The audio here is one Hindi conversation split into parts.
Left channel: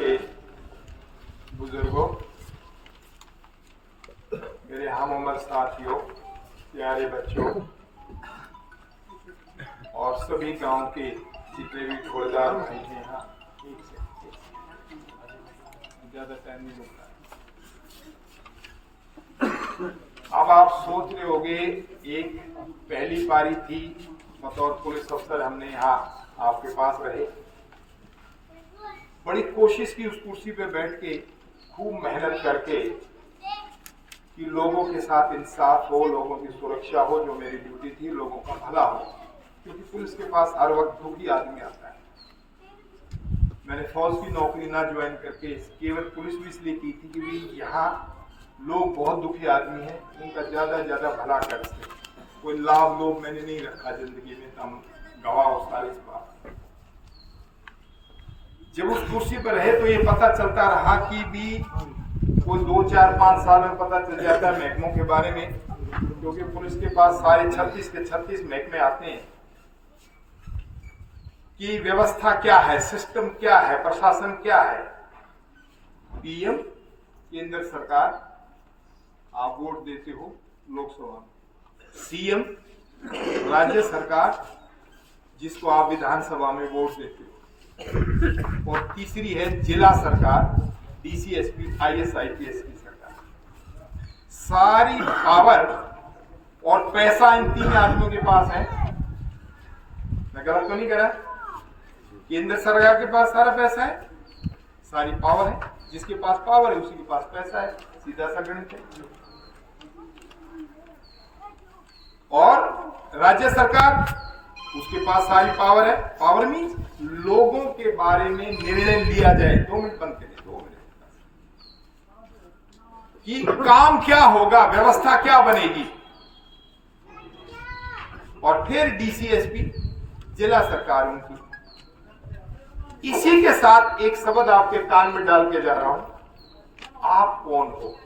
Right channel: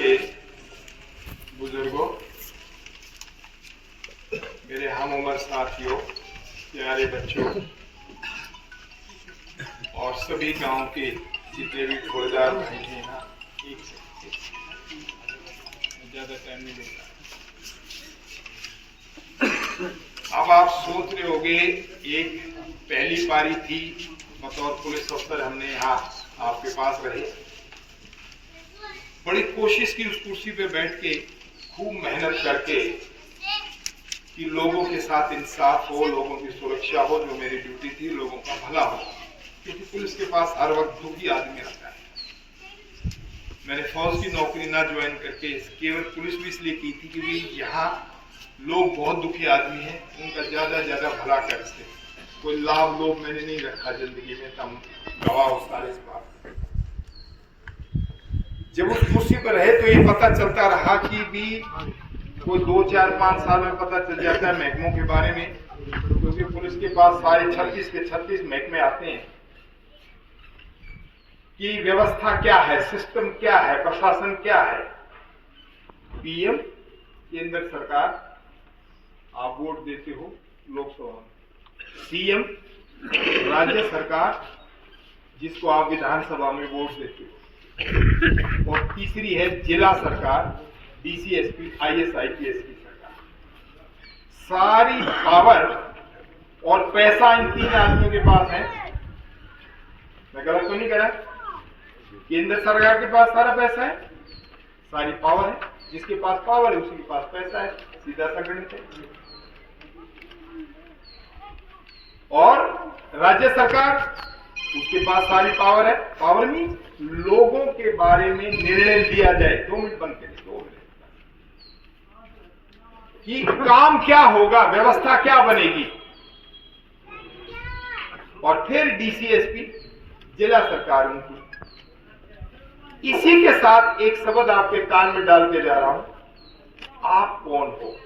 के बुजुर्गों, मेरे हम उम्र साथियों, प्यारे बच्चों और सभी गांव के जितने भी ठोड़दार भाई हैं यहाँ, ज्यादा टाइम नहीं लगता। अब आप सोच रहे होंगे, एक पहली पारी थी, बतौर पुलिस अफसर हमने यहाँ आपके पास रहे, बड़ी कोशिश की उस कुर्सी पे बैठ के, खूब मेहनत करके कि लोगों के साथ इंसाफ हो, लोगों की सुरक्षा हो, जो मेरी ड्यूटी थी, लोगों का भला हो, क्योंकि पुलिस के पास हर वक्त दुखी आदमी आता है। मैंने फौज की नौकरी ना ज्वाइन करके केवल पुलिस भी इसलिए की थी कि यहाँ लोग बहुत दुखी आदमी हैं, उनका ज्यादा ज्यादा भला कर सके। कोई लाभ लोभ मैंने नहीं रखा जिंदगी में, तम गवाह हो सारे इस बात। जब उस कुर्सी पर रहे तो ये पता चलता रहा कि भी कोई 2, 4, 5 साल में पता चल जाता है महकमों के बारे में, क्योंकि पुलिस के पास सारे 36 के 36 महकमे आते हैं कि व्यवस्था क्या है, सिस्टम क्या है, प्रशासन क्या है। पीएम केंद्र सरकार, आप वोट देते हो लोकसभा में। सीएम राज्य सरकार, जिसको आप विधानसभा में वोट देते हो। और तीसरी है जिला सरकार, डीसी, एसपी, आईएएस, आईपीएस की सरकार। सारी पावर और पैसा इन 3 आदमियों के पास है। मैं गलत तो नहीं कह रहा? केंद्र सरकार के पास सारा पैसा है, सारी पावर है, जिसके पास पावर है उसी के पास पैसा है, सीधा सा गणित है। और राज्य सरकार, उसके पास सारी पावर है। पावर मीन्स लोगों के बारे में निर्णय लिया जाए। 2 मिनट बंद करें, 2 मिनट, कि काम क्या होगा, व्यवस्था क्या बनेगी। और फिर डीसीएसपी, जिला सरकार उनकी। इसी के साथ एक शब्द आपके कान में डाल के जा रहा हूं, आप कौन हो?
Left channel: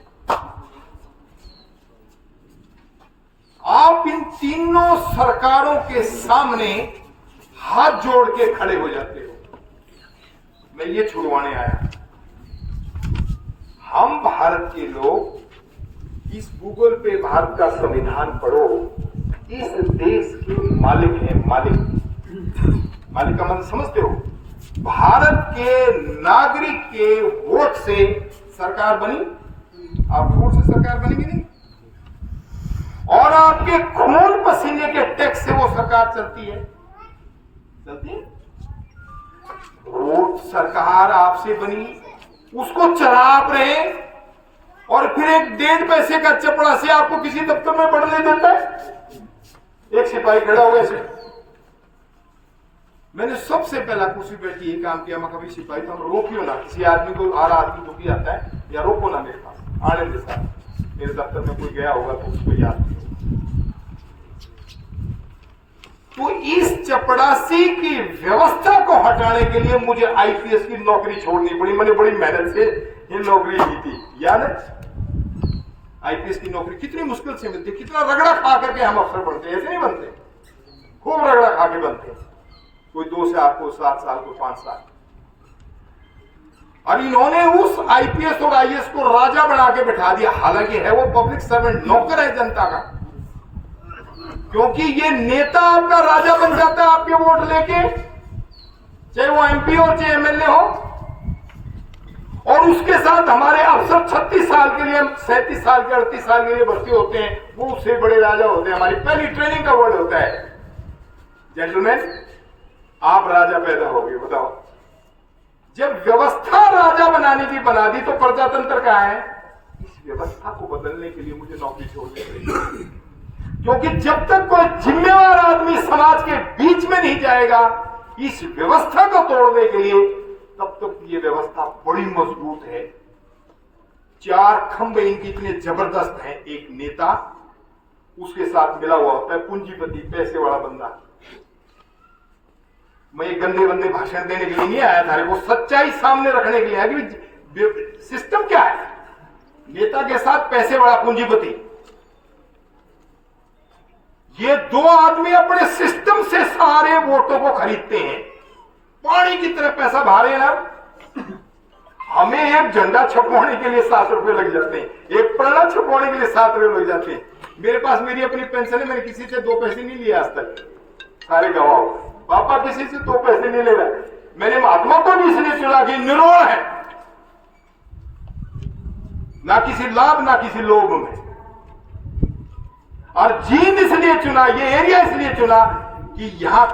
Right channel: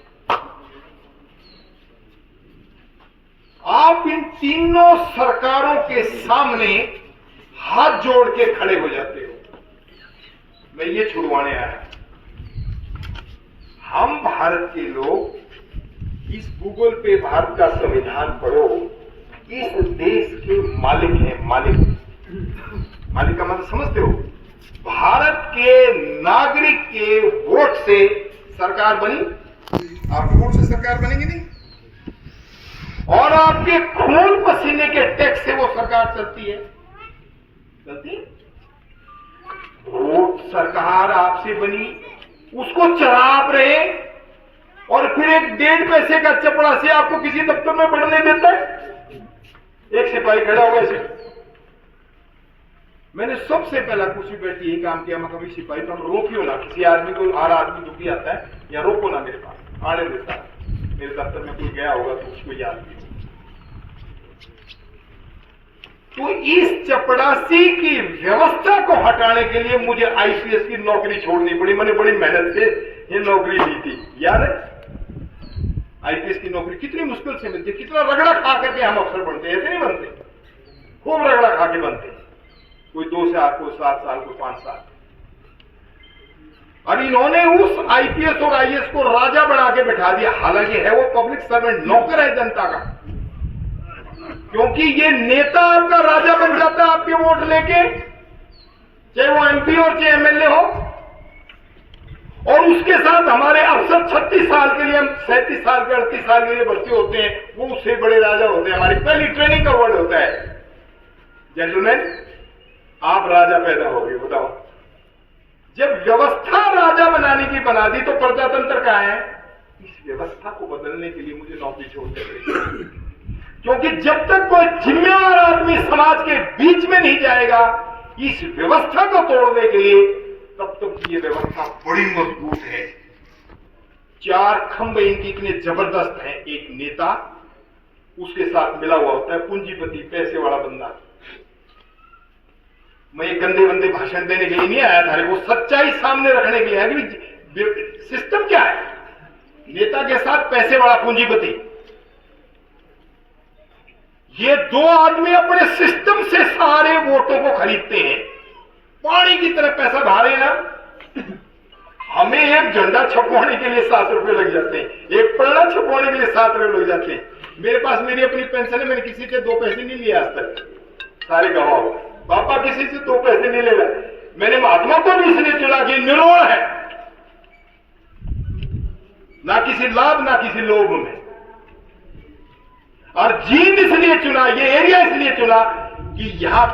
आप इन तीनों सरकारों के सामने हाथ जोड़ के खड़े हो जाते हो। मैं ये छुड़वाने आया। हम भारत के लोग, इस गूगल पे भारत का संविधान पढ़ो, इस देश के मालिक हैं। मालिक का मतलब समझते हो? भारत के नागरिक के वोट से सरकार बनी। आपके वोट से सरकार बनेगी नहीं, और आपके खून पसीने के टैक्स से वो सरकार चलती है। वोट सरकार आपसे बनी, उसको चला आप रहे, और फिर एक 1.5 पैसे का चपड़ा से आपको किसी दफ्तर में बढ़ने देता है। एक सिपाही खड़ा होगा ऐसे। मैंने सबसे पहला कुर्सी बैठी यही काम किया, मैं कभी सिपाही तो रोकियो ना, किसी आदमी को, आला आदमी दुखी आता है, या रोको ना मेरे पास आने देता। मेरे दफ्तर में कोई गया होगा तो उसको याद किया। तो इस चपड़ासी की व्यवस्था को हटाने के लिए मुझे आईपीएस की नौकरी छोड़नी पड़ी। मैंने बड़ी मेहनत से ये नौकरी ली थी, याद है? आईपीएस की नौकरी कितनी मुश्किल से मिलती, कितना रगड़ा खा करके हम अफसर बनते, ऐसे नहीं बनते, खूब रगड़ा खा के बनते। कोई 2 साल, कोई 7 साल, कोई 5 साल। और इन्होंने उस आईपीएस और आईएएस को राजा बना के बिठा दिया। हालांकि है वो पब्लिक सर्वेंट, नौकर है जनता का, क्योंकि ये नेता आपका राजा बन जाता है आपके वोट लेके, चाहे वो एमपी हो चाहे एमएलए हो। और उसके साथ हमारे अफसर 36 साल के लिए, 37 साल के, 38 साल के लिए भर्ती होते हैं, वो उससे बड़े राजा होते हैं। हमारी पहली ट्रेनिंग का वर्ड होता है, जेंटलमैन आप राजा पैदा हो गए। बताओ, जब व्यवस्था राजा बनाने की बना दी तो प्रजातंत्र कहाँ है? इस व्यवस्था को बदलने के लिए मुझे नौकरी छोड़नी पड़ी, क्योंकि जब तक कोई जिम्मेवार आदमी समाज के बीच में नहीं जाएगा इस व्यवस्था को तोड़ने के लिए, तब तक ये व्यवस्था बड़ी मजबूत है। 4 खंभे इनके इतने जबरदस्त हैं। एक नेता, उसके साथ मिला हुआ होता है पूंजीपति, पैसे वाला बंदा। मैं ये गंदे गंदे भाषण देने के लिए नहीं आया था, वो सच्चाई सामने रखने के लिए है कि सिस्टम क्या है। नेता के साथ पैसे वाला पूंजीपति, ये 2 आदमी अपने सिस्टम से सारे वोटों को खरीदते हैं। पानी की तरह पैसा बहा रहे हैं। हमें एक झंडा छपवाने के लिए 7 रुपए लग जाते हैं, एक पन्ना छपवाने के लिए 7 रुपए लग जाते हैं। मेरे पास मेरी अपनी पेंशन है, मैंने किसी से 2 पैसे नहीं लिए आज तक, सारे गवाह हो। पापा किसी से 2 पैसे नहीं ले रहे। मैंने महात्मा को भी इसलिए चुना कि निरोड़ है, ना किसी लाभ ना किसी लोभ में। और जींद इसलिए चुना, ये एरिया इसलिए चुना कि यहां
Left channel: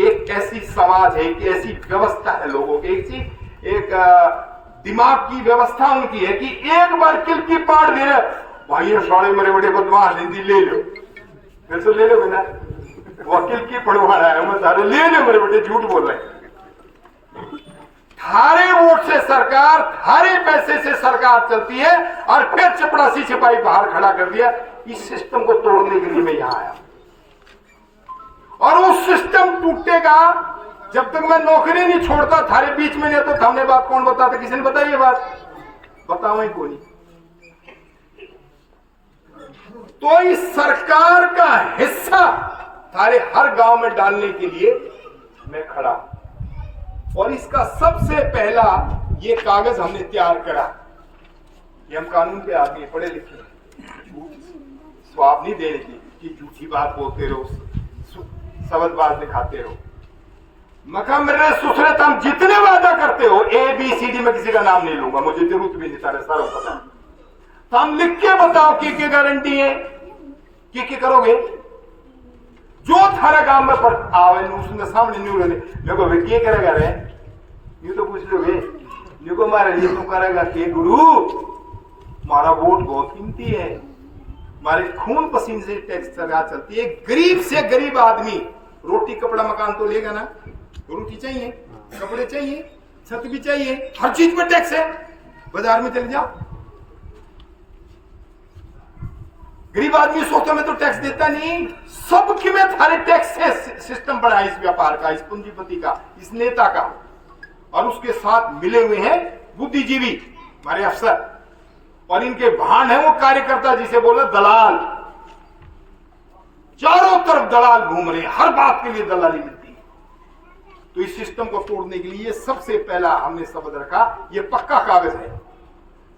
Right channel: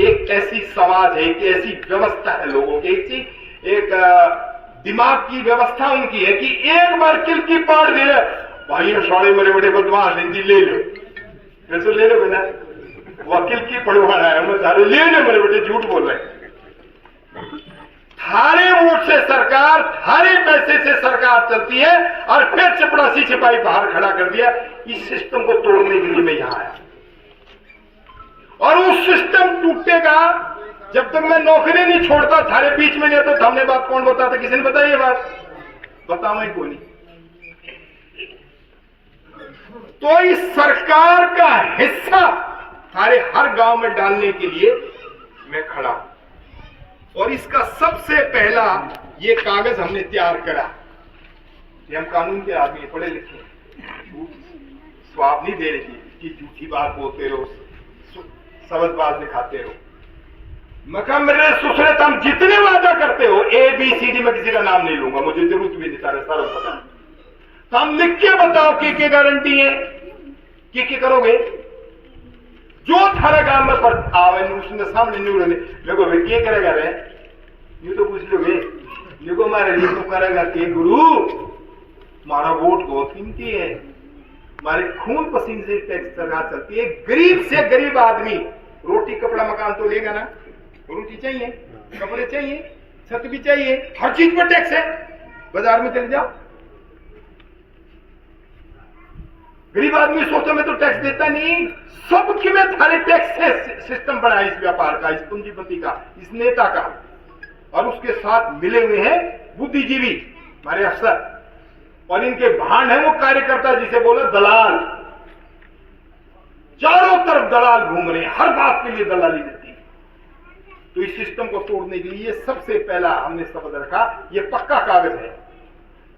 एक ऐसी समाज है, एक ऐसी व्यवस्था है लोगों की, एक दिमाग की व्यवस्था उनकी है कि एक बार किल की पाड़ दे रहे भाइयों, सारे मेरे बड़े बदमाश हिंदी ले लो, फिर तो ले लो बेटा, वकील की पढ़वाना है, मैं सारे ले लो मेरे बेटे, झूठ बोल रहे हैं। थारे वोट से सरकार, थारे पैसे से सरकार चलती है, और फिर चपरासी सिपाही बाहर खड़ा कर दिया। इस सिस्टम को तोड़ने के लिए मैं यहां आया, और वो सिस्टम टूटेगा जब तक मैं नौकरी नहीं छोड़ता। थारे बीच में नहीं तो हमने बात कौन बताता, किसी ने बताई ये बात? बताओ कोई नहीं। तो इस सरकार का हिस्सा थारे हर गांव में डालने के लिए मैं खड़ा हूं। और इसका सबसे पहला ये कागज हमने तैयार करा। ये हम कानून के आदमी, पढ़े लिखे, स्वाब नहीं देने की कि झूठी बात बोलते रहो, शब्दबाज दिखाते रहो। मका मेरे ससुरे तुम जितने वादा करते हो, ABCD में किसी का नाम नहीं लूंगा, मुझे जरूरत भी नहीं, सारे सारा पता। तुम लिख के बताओ की गारंटी है कि करोगे जो थारा गांव में पर आवे उसमें सामने नहीं उड़ेंगे। मेरे को क्या करेगा रे, ये तो पूछ लोगे, ये को मारे लिए तो करेगा कि गुरु मारा वोट बहुत कीमती है, हमारे खून पसीने से टैक्स सरकार चलती है। गरीब से गरीब आदमी रोटी कपड़ा मकान तो लेगा ना, रोटी चाहिए, कपड़े चाहिए, छत भी चाहिए, हर चीज पर टैक्स है। बाजार में चले जाओ, गरीब आदमी सोचो मैं तो टैक्स देता नहीं, सबकी में थारे टैक्स से सिस्टम बना है इस व्यापार का, इस पूंजीपति का, इस नेता का। और उसके साथ मिले हुए हैं बुद्धिजीवी, हमारे अफसर, और इनके भांड है वो कार्यकर्ता, जिसे बोला दलाल। चारों तरफ दलाल घूम रहे हैं, हर बात के लिए दलाली देती है। तो इस सिस्टम को तोड़ने के लिए सबसे पहला हमने शब्द रखा, ये पक्का कागज है।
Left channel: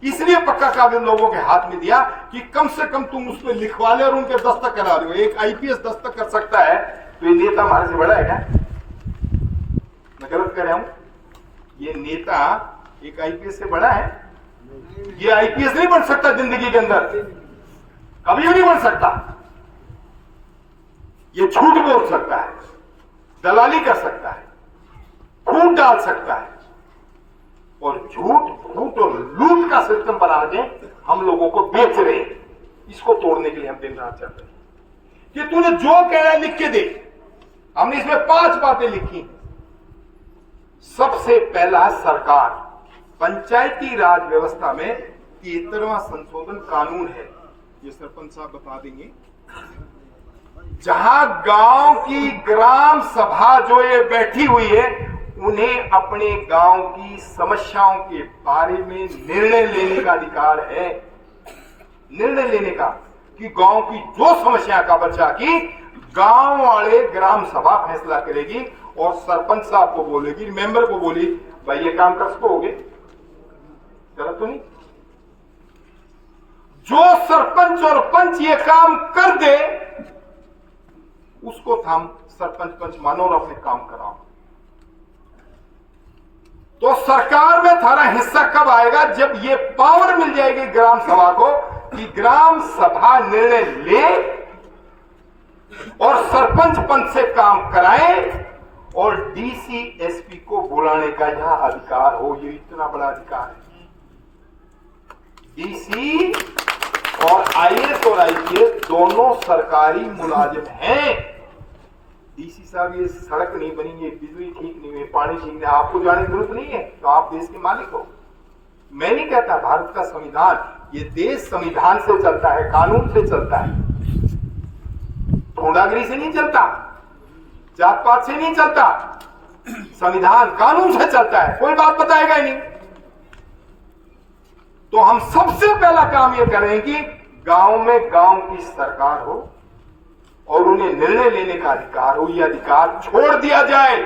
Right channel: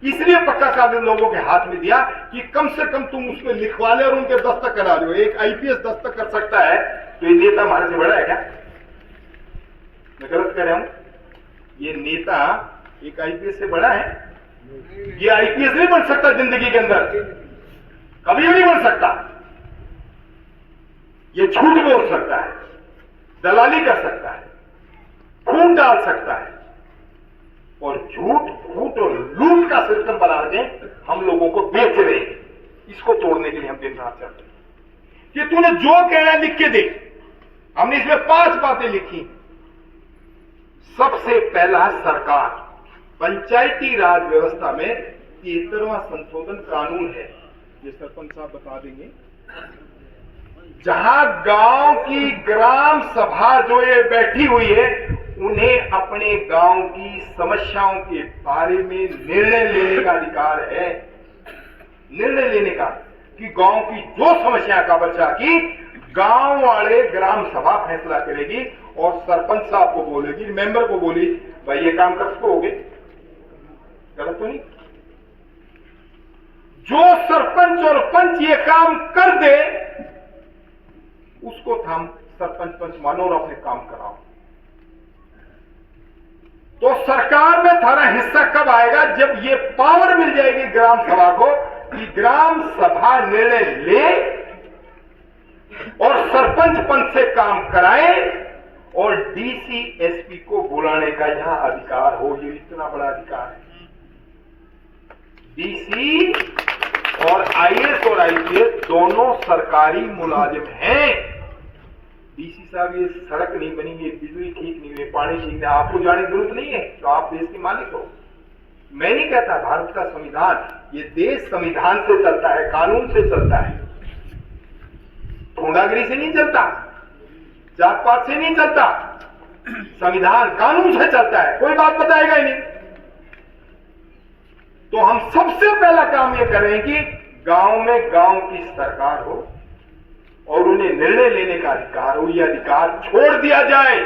इसलिए पक्का कागज लोगों के हाथ में दिया कि कम से कम तुम उसको लिखवा ले और उनके दस्तक करा लो। एक IPS दस्तक कर सकता है तो ये नेता हमारे से बड़ा है क्या? मैं गलत कह रहा हूं? ये नेता एक IPS से बड़ा है? ये IPS नहीं बन सकता जिंदगी के अंदर, कभी भी नहीं बन सकता। ये झूठ बोल सकता है, दलाली कर सकता है, फूट डाल सकता है, और झूठ फूट और लूट का सिस्टम बना के हम लोगों को बेच रहे हैं। इसको तोड़ने के लिए हम दिन रात चल रहे हैं कि तूने जो कहना लिख के दे। हमने इसमें 5 बातें लिखी। सबसे पहला, सरकार, पंचायती राज व्यवस्था में 73वां संशोधन कानून है, ये सरपंच साहब बता देंगे। जहां गांव की ग्राम सभा जो ये बैठी हुई है, उन्हें अपने गांव की समस्याओं के बारे में निर्णय लेने का अधिकार है। निर्णय लेने का कि गांव की जो समस्या का बच्चा की गांव वाले ग्राम सभा फैसला करेगी, और सरपंच साहब को बोलेगी, मेंबर को बोली, भाई ये काम कर सकोगे, गलत तो नहीं। जो सरपंच और पंच ये काम कर दे उसको हम सरपंच पंच मानो और अपने काम कराओ। तो सरकार में थारा हिस्सा कब आएगा? जब ये पावर मिल जाएगी ग्राम सभा को कि ग्राम सभा निर्णय ले और सरपंच पंच से काम कराए, और DC SP को बुलाने का यहां अधिकार हो। ये इतना बड़ा अधिकार है। DC और IAS और IPS दोनों सरकारी मुलाजिम हैं। DC साहब ये सड़क नहीं बनी, ये बिजली ठीक नहीं हुई, पानी ठीक नहीं, आपको जाने की जरूरत नहीं है, तो आप देश के मालिक हो। मैं नहीं कहता, भारत का संविधान, ये देश संविधान से चलता है, कानून से चलता है, गुंडागिरी से नहीं चलता, जात पात से नहीं चलता, संविधान कानून से चलता है। कोई बात बताएगा ही नहीं। तो हम सबसे पहला काम ये करें कि गांव में गांव की सरकार हो और उन्हें निर्णय लेने का अधिकार हो। यह अधिकार छोड़ दिया जाए।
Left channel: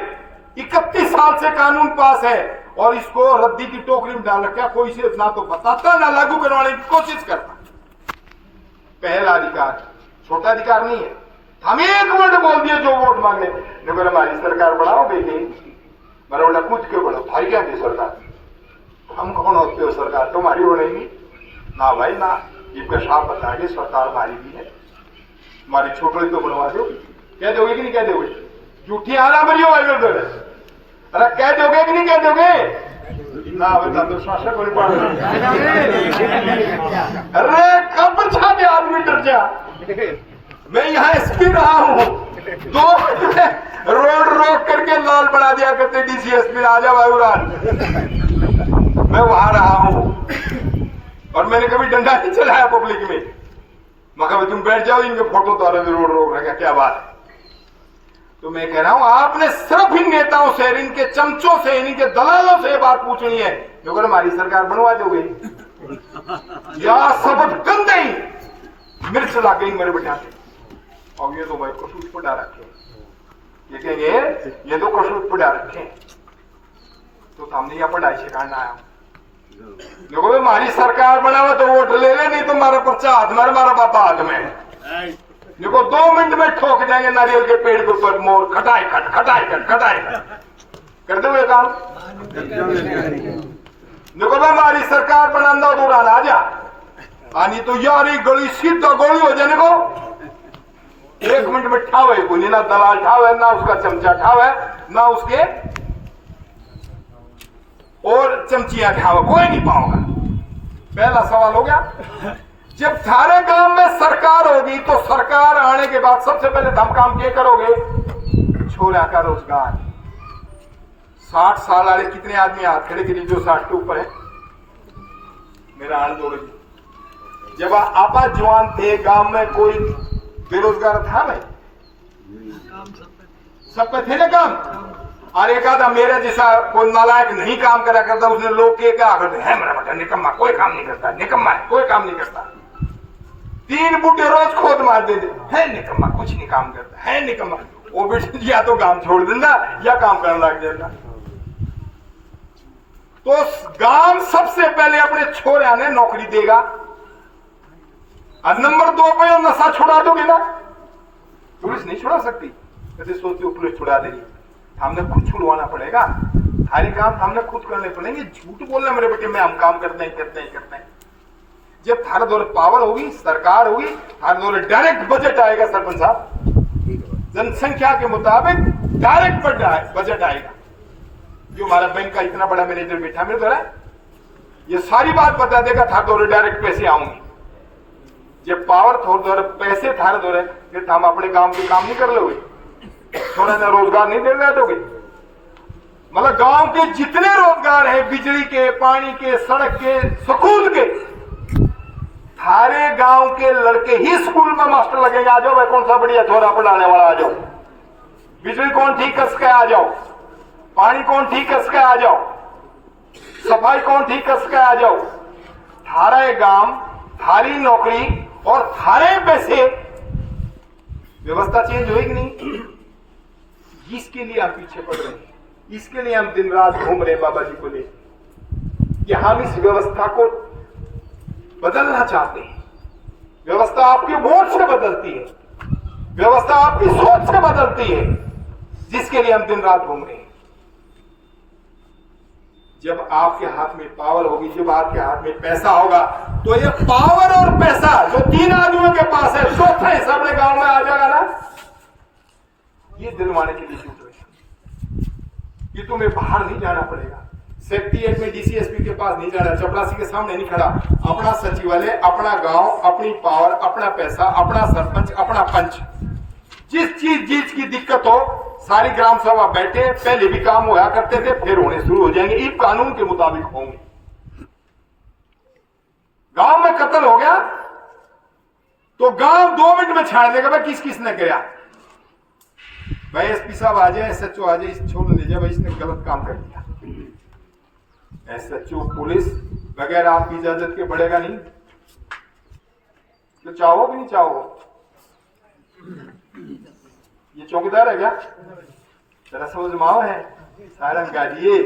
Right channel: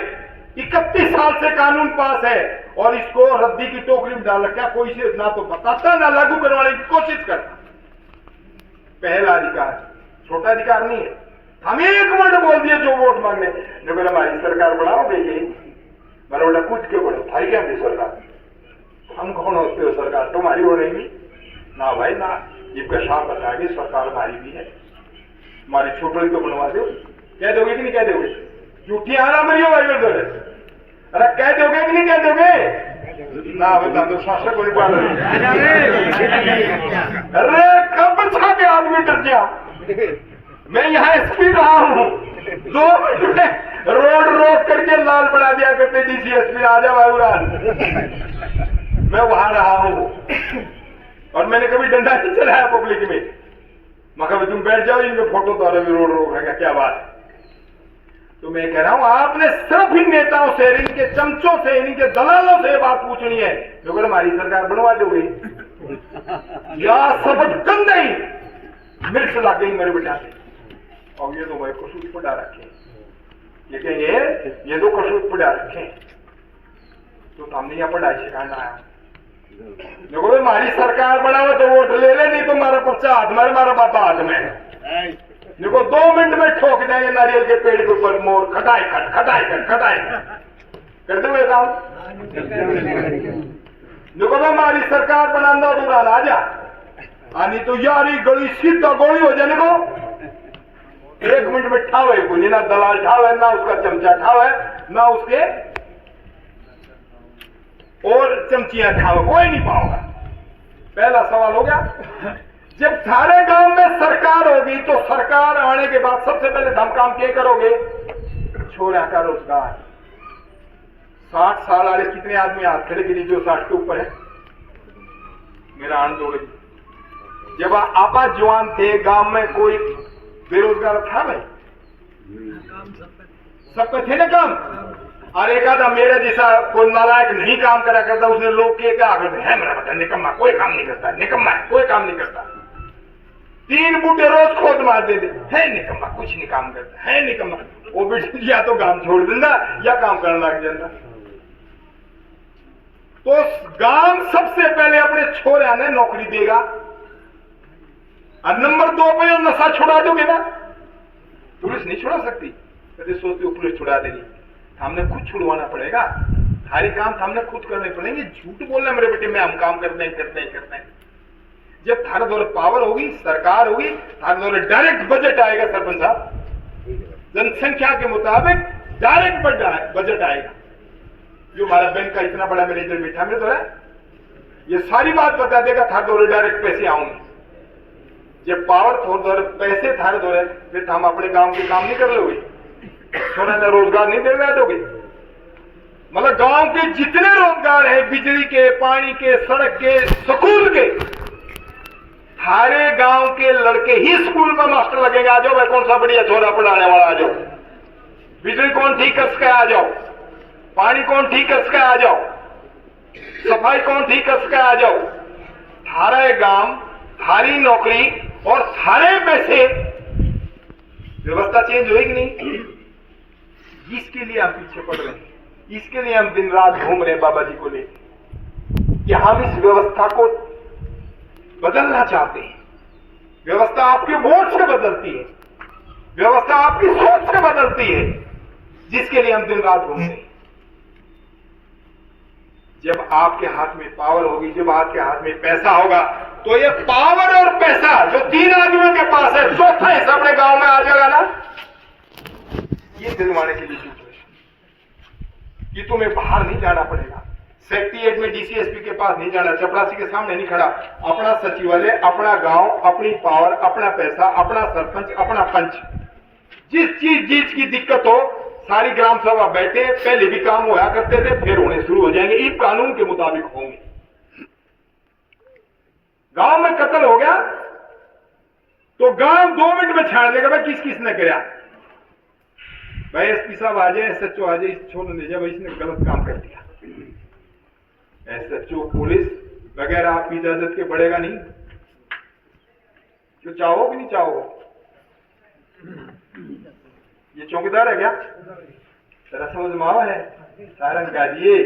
31 साल से कानून पास है, और इसको रद्दी की टोकरी में डाल रखा, कोई से ना तो बताता ना लागू करवाने की कोशिश करता। पहला अधिकार छोटा अधिकार नहीं है। हम एक मिनट बोल दिए जो वोट मांगने, देखो हमारी सरकार बनाओगे ये मेरा बोला कूद के बढ़ो, थारी क्या होगी सरकार, हम कौन होते हो सरकार, तुम्हारी हो रही ना भाई ना, ये साफ बता के सरकार हमारी भी है, हमारे छोटे को बनवा दो, कह दोगे कि नहीं कह दोगे, झूठी आना मरियो भाई बोल, अरे कह दोगे कि नहीं कह दोगे ना, बता दो शासक को नहीं पाल, अरे कब छा के आदमी डर जा, मैं यहाँ एसपी रहा हूँ, 2 रोड रोक करके लाल बना दिया करते डीसीएसपी राजा वायुराज, मैं वहां रहा हूँ और मैंने कभी डंडा नहीं चलाया पब्लिक में, मैं कभी तुम बैठ जाओ इनके फोटो द्वारा भी रोड रोक रहा, क्या बात है। तो मैं कह रहा हूं आपने सिर्फ इन नेताओं से, इनके चमचों से, इनके दलालों से बात पूछनी है, तो अगर हमारी सरकार बनवा दोगे या सबक गंद नहीं मिर्च लग गई मेरे बेटा से, और ये तो भाई कसूर पड़ा रखे, लेकिन ये तो कसूर पड़ा रखे, तो हमने यहाँ पढ़ाई सिखाना आया, देखो हमारी सरकार बनावे तो वोट ले ले, नहीं तो हमारा पर्चा हाथ में, हमारा बापा हाथ में, देखो 2 मिनट में ठोक देंगे नारियल के पेड़ के ऊपर मोर, खटाई खट खटाई खट खटाई कर दोगे काम। देखो हमारी सरकार बनाना तो राजा आनी तो यारी गली सीधा गोली हो जाने को 1 मिनट में ठावे को, ना दलाल ठावे, ना उसका चमचा ठावे, ना उसके और चमचियां ठावे, कोई नहीं पाओगा। पहला सवाल हो गया, जब थारे गांव में सरकार होगी तो सरकार आने के बाद सबसे पहले हम काम क्या करोगे, छोरा का रोजगार। 60 साल वाले कितने आदमी हाथ खड़े करिए जो 60 के ऊपर है, मेरा आंदोलन, जब आपा जवान थे गांव में कोई बेरोजगार था भाई, सब पे थे ना काम, और एक आधा मेरा जैसा कोई नालायक नहीं काम करा करता, उसने लोग के कहा है मेरा बेटा निकम्मा, कोई काम नहीं करता, निकम्मा है, कोई काम नहीं करता। 3 बूटे रोज खोद मार देते, है निकम्मा, कुछ नहीं काम करता, है निकम्मा, वो बेटे या तो काम छोड़ देना या काम करने लग जाना। तो गांव सबसे पहले अपने छोरे ने नौकरी देगा, और नंबर 2 पे नशा छुड़ा दोगे ना, पुलिस नहीं छुड़ा सकती, ऐसे सोचते हो पुलिस छुड़ा देगी, हमने खुद छुड़वाना पड़ेगा, सारी काम हमने खुद करने पड़ेंगे। झूठ बोलना मेरे बेटे में हम काम करते हैं। जब थारे दौरे पावर होगी, सरकार होगी, थारे दौरे डायरेक्ट बजट आएगा सरपंच साहब, जनसंख्या के मुताबिक डायरेक्ट बजट आएगा। जो हमारा बैंक का इतना बड़ा मैनेजर बैठा मेरे द्वारा, ये सारी बात बता देगा, थारे दौरे डायरेक्ट पैसे आऊंगे। जब पावर थोड़े दौरे पैसे थारे दौरे, फिर हम अपने गांव के काम नहीं कर लोगे, थोड़ा सा रोजगार नहीं दे दोगे। मतलब गांव के जितने रोजगार है, बिजली के, पानी के, सड़क के, स्कूल के, थारे गांव के लड़के ही स्कूल में मास्टर लगेंगे। आ जाओ भाई, कौन सा बढ़िया छोरा पढ़ाने वाला, आ जाओ। बिजली कौन ठीक कर सके, आ जाओ। पानी कौन ठीक कर सके, आ जाओ। सफाई कौन ठीक कर सके, आ जाओ। थारे गांव, थारी नौकरी और थारे पैसे, व्यवस्था चेंज होगी नहीं। इसके लिए हम पीछे पड़ रहे हैं, इसके लिए हम दिन रात घूम रहे हैं बाबा जी को लेकर, कि हम इस व्यवस्था को बदलना चाहते हैं। व्यवस्था आपके वोट से बदलती है, व्यवस्था आपकी सोच से बदलती है, जिसके लिए हम दिन रात घूमते हैं। जब आपके हाथ में पावर होगी, जब आपके हाथ में पैसा होगा, तो ये पावर और पैसा जो 3 आदमियों के पास है, चौथा हिस्सा अपने गांव में आ जाएगा ना, ये दिलवाने के लिए सिचुएशन, ये तुम्हें बाहर नहीं जाना पड़ेगा। सेक्रेटरीएट में डीसीएसपी के पास नहीं जाना, चपरासी के सामने नहीं खड़ा, अपना सचिवालय, अपना गांव, अपनी पावर, अपना पैसा, अपना सरपंच, अपना पंच, जिस चीज की दिक्कत हो, सारी ग्राम सभा बैठे, पहले भी काम हुआ करते थे, फिर होने शुरू हो जाएंगे, इस कानून के मुताबिक होंगे। गांव में कत्ल हो गया तो गांव 2 मिनट में छाड़ देगा, भाई किस किसने किया, भाई एसपी साहब आ जाए, एसएचओ आ जाए, इस छोड़ ले जाए, भाई इसने गलत काम कर दिया। एसएचओ पुलिस बगैर आपकी इजाजत के बढ़ेगा नहीं, तो चाहो कि नहीं चाहो। ये चौकीदार है क्या, तेरा समझ में आवा है, सारंग का दिए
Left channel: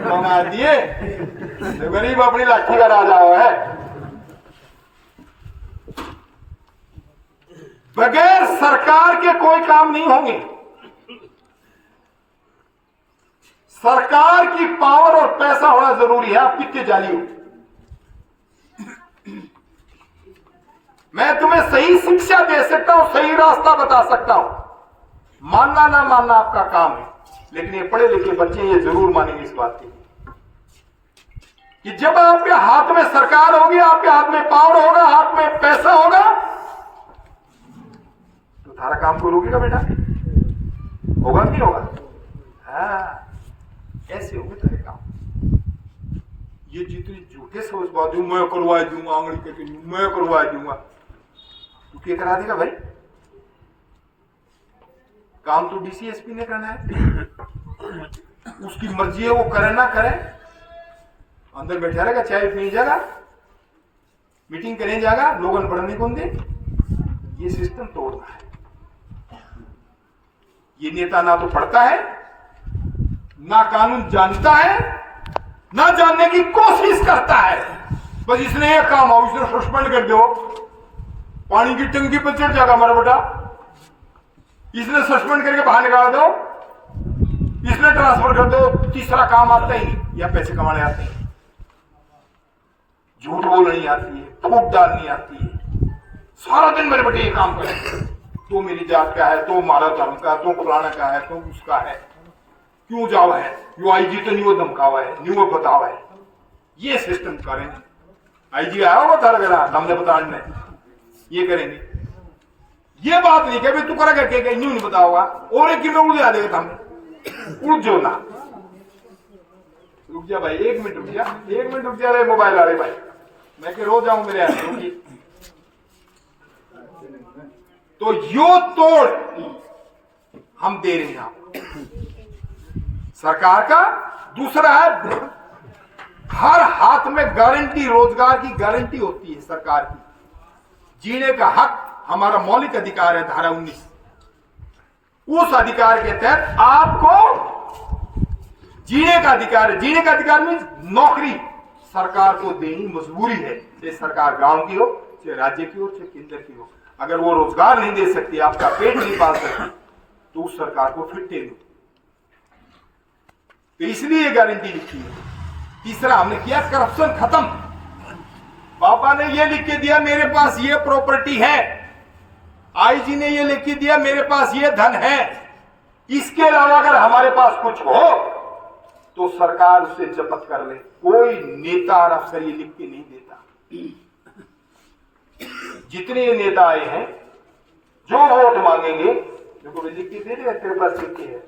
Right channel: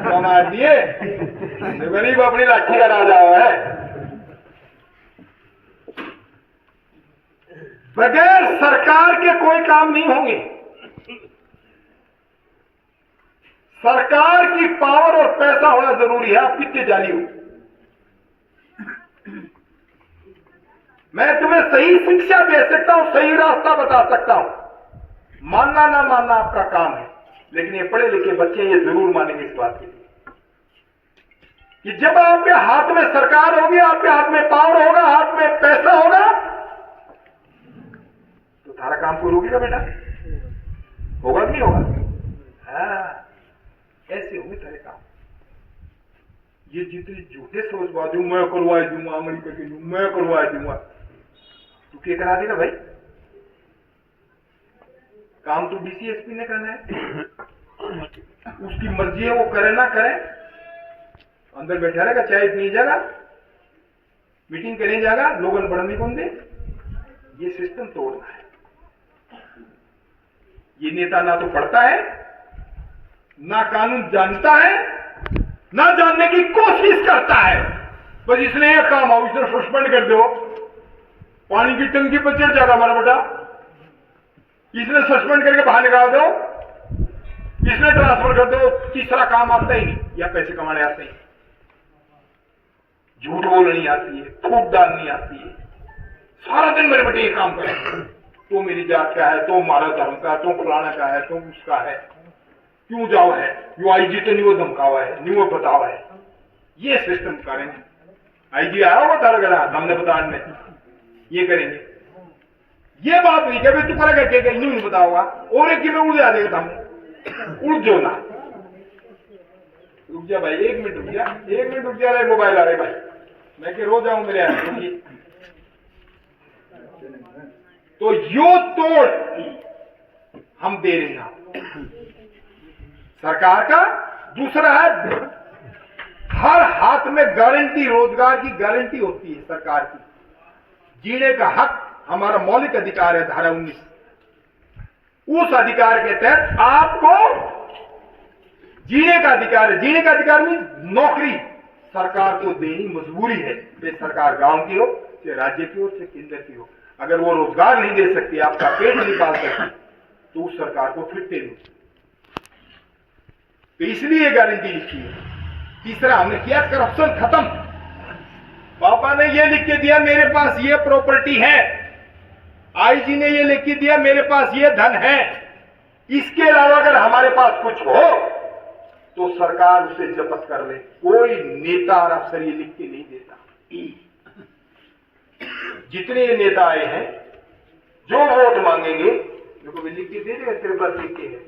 कमा दिए, तो गरीब अपनी लाठी का राजा है। बगैर सरकार के कोई काम नहीं होंगे। सरकार की पावर और पैसा होना जरूरी है। आप कितने जानी हो, मैं तुम्हें सही शिक्षा दे सकता हूं, सही रास्ता बता सकता हूं, मानना ना मानना आपका काम है। लेकिन ये पढ़े लिखे बच्चे ये जरूर मानेंगे इस बात के लिए कि जब आपके हाथ में सरकार होगी, आपके हाथ में पावर होगा, हाथ में पैसा होगा, तो सारा काम कोई रोकेगा बेटा? होगा नहीं होगा? हाँ, ऐसे होंगे तेरे काम। ये जितने झूठे सोचबाज, मैं करवा दूंगा, आंगली करके मैं करवा दूंगा, तू क्या करा देगा भाई? काम तो डीसीएसपी ने करना है, उसकी मर्जी है, वो करे ना करे, अंदर बैठा रहेगा, चाय पी जाएगा, मीटिंग करने जाएगा, लोगन बढ़ने कौन दे? ये सिस्टम तोड़ना है। ये नेता ना तो पढ़ता है, ना कानून जानता है, ना जानने की कोशिश करता है। बस इसने ये काम आओ, इसने सस्पेंड कर दो, पानी की टंकी पर चढ़ जाएगा मेरा बेटा, इसने सस्पेंड करके बाहर निकाल दो, इसने ट्रांसफर कर दो, तीसरा काम आता ही नहीं, या पैसे कमाने आते हैं, झूठ बोलनी नहीं आती है, फूट डालनी आती है, सारा दिन मेरे बेटे ये काम करे, तो मेरी जात का है, तो हमारा धर्म का, तो फलाना का है, तो उसका है, क्यों जाओ है, यो आईजी तो नहीं वो धमकावा है, नहीं वो बतावा है। ये सिस्टम करेंगे। आईजी आया होगा तारा गला, हमने बताने ये करेंगे। ये बात नहीं कि तू करेगा क्या, नहीं बताओगा, और एक किलो उड़ जा देगा, हमने उड़ जो ना, रुक जा भाई, 1 मिनट रुक जा, 1 मिनट रुक जा रहे मोबाइल आ रहे भाई, मैं के रो जाऊं मेरे यहाँ। तो यो तोड़ हम दे रहे हैं आपको सरकार का। दूसरा है, हर हाथ में गारंटी, रोजगार की गारंटी होती है सरकार की। जीने का हक हमारा मौलिक अधिकार है, धारा 19। उस अधिकार के तहत आपको जीने का अधिकार है। जीने का अधिकार मीन्स नौकरी सरकार को देनी मजबूरी है, चाहे सरकार गांव की हो, चाहे राज्य की हो, चाहे केंद्र की हो। अगर वो रोजगार नहीं दे सकती, आपका पेट नहीं पाल सकती, तो उस सरकार को फिरते नहीं। तो इसलिए गारंटी लिखी है। तीसरा हमने किया करप्शन खत्म। पापा ने ये लिख के दिया मेरे पास ये प्रॉपर्टी है, आईजी ने ये लिख के दिया मेरे पास ये धन है, इसके अलावा अगर हमारे पास कुछ हो तो सरकार उसे जब्त कर ले। कोई नेता और अफसर ये लिख के नहीं देता। जितने नेता आए हैं, जो वोट मांगेंगे, देखो लिख के दे देगा, तेरे पास लिख के है,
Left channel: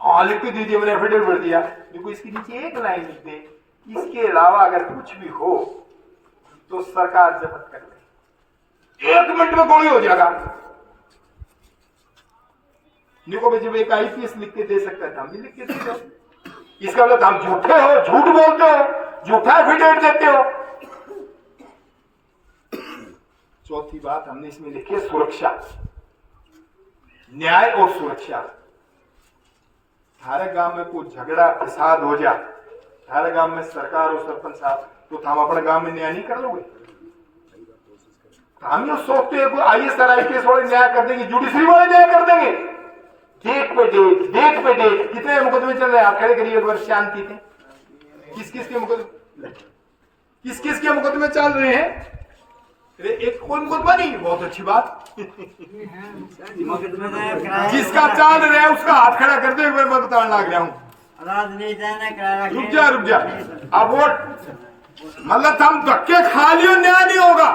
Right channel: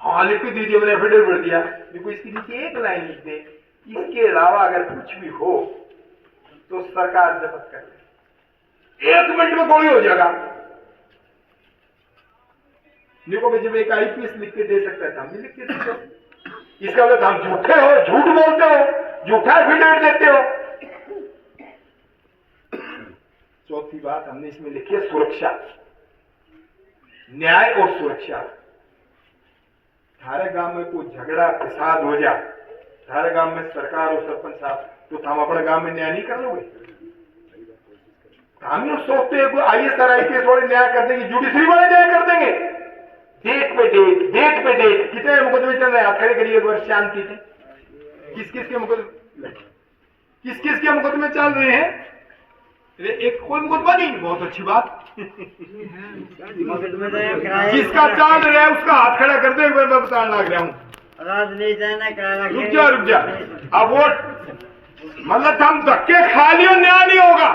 हाँ लिख के दीजिए, मैंने एफिडेविट भर दिया, देखो इसके नीचे एक लाइन लिख दे, इसके अलावा अगर कुछ भी हो तो सरकार जब्त कर ले। 1 मिनट में गोली हो जाएगा। देखो भाई, जब एक आईपीएस लिख के दे सकता है, हम भी लिख के दे सकते। इसका मतलब हम झूठे हो, झूठ बोलते हो, झूठा एफिडेविट देते हो। चौथी बात हमने इसमें लिखी है सुरक्षा, न्याय और सुरक्षा। थारे गांव में कोई झगड़ा फसाद हो जाए, थारे गांव में सरकार और सरपंच साहब, तो हम अपने गांव में न्याय नहीं कर लोगे? हम लोग सोचते हैं कोई आईएएस और आईपीएस वाले न्याय कर देंगे, जुडिशरी वाले न्याय कर देंगे। डेट पे डेट कितने मुकदमे चल रहे हैं? आप खड़े करिए एक बार, शांति से। किस किस के मुकदमे चल रहे हैं? एक कोई मुकदमा नहीं, बहुत अच्छी बात। जिसका चल रहा है उसका हाथ खड़ा कर दो, एक बार मैं बताने लग रहा हूँ। रुक जा। अब वो मतलब हम धक्के खा लियो, न्याय नहीं होगा।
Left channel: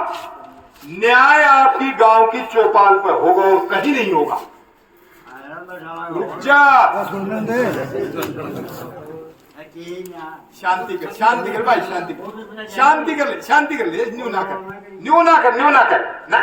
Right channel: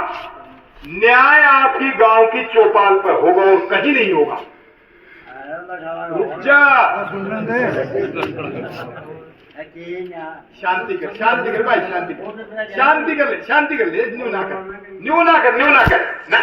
न्याय आपकी गांव की चौपाल पर होगा और कहीं नहीं होगा। रुक जा, शांति कर भाई, शांति कर ले, न्यू ना कर ना।